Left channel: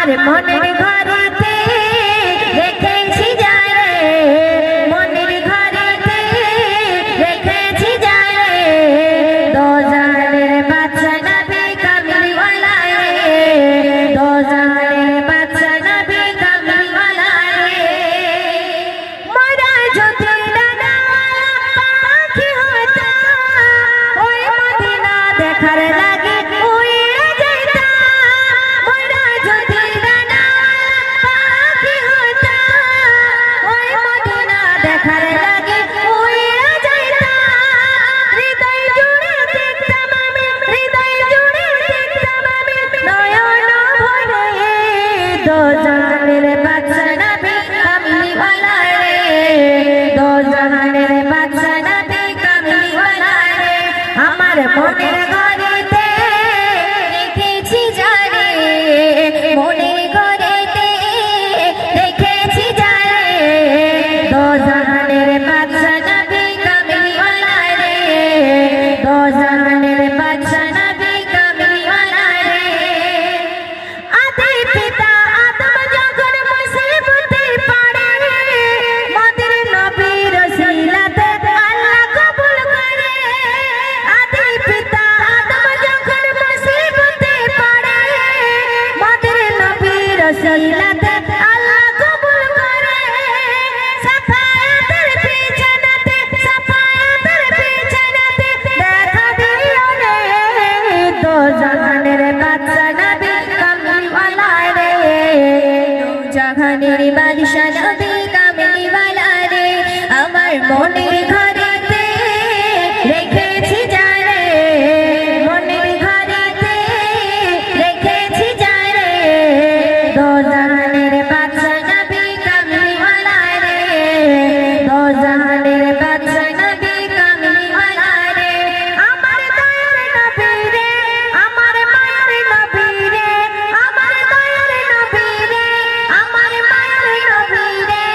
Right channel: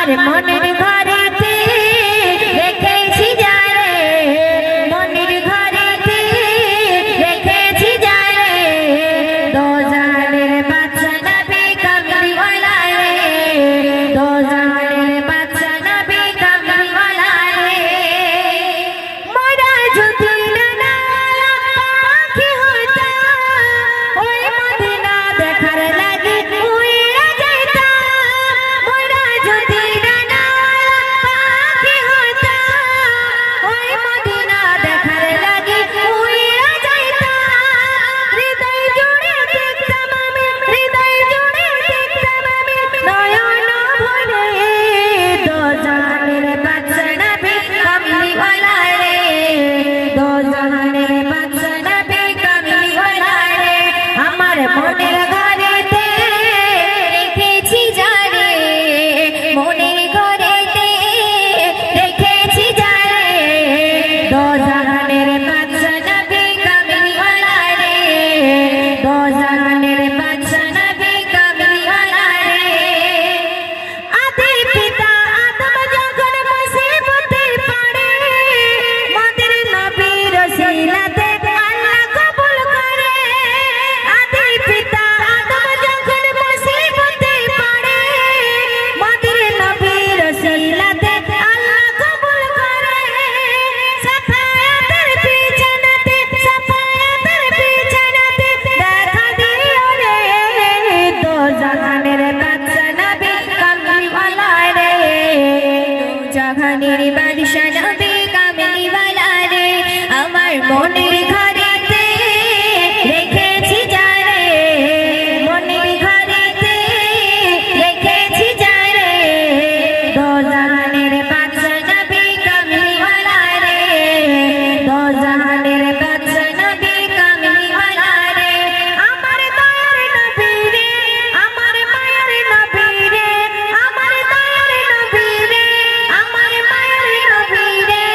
আমার মনের ঘরেতে রেখেছি যারে, মনের ঘরেতে রেখেছি যারে, দোজাহানের বাদশা নবী কামলিওয়ালা রে, দোজাহানের বাদশা নবী কামলিওয়ালা রে। মরা যদি ডানা পাখি হতাম, ওই মদিনা দেখার লাগি উড়ে যাইতাম। মরা যদি ডানা পাখি হতাম, ওই মদিনা দেখার লাগি উড়ে যাইতাম। হৃদয় জুড়ে দেখতাম আমি, হৃদয় জুড়ে দেখতাম আমি, নয়ন ভরে দোজাহানের বাদশা নবী কামলিওয়ালা রে, দোজাহানের বাদশা নবী কামলিওয়ালা রে। আমার মনের ঘরেতে রেখেছি যারে, মনের ঘরেতে রেখেছি যারে, দোজাহানের বাদশা নবী কামলিওয়ালা রে, দোজাহানের বাদশা নবী কামলিওয়ালা রে। আদি পিতা আদম যখন মুসিবতে পড়ে, মোদের নবীর ওসিলাতে আল্লাহ কবুল করে। আদি পিতা আদম যখন মুসিবতে পড়ে, মোদের নবীর ওসিলাতে আল্লাহ কবুল করে। সাফায়াতের বিছানাতে, সাফায়াতের বিছানাতে দেখা দিও রে, দোজাহানের বাদশা নবী কামলিওয়ালা রে, দোজাহানের বাদশা নবী কামলিওয়ালা রে। আমার মনের ঘরেতে রেখেছি যারে, মনের ঘরেতে রেখেছি যারে, দোজাহানের বাদশা নবী কামলিওয়ালা রে, দোজাহানের বাদশা নবী কামলিওয়ালা রে। আমার দয়ার নবী রে, আমার মায়ের নবী রে, আমার দয়ার নবী রে, আমার মায়ের নবী রে,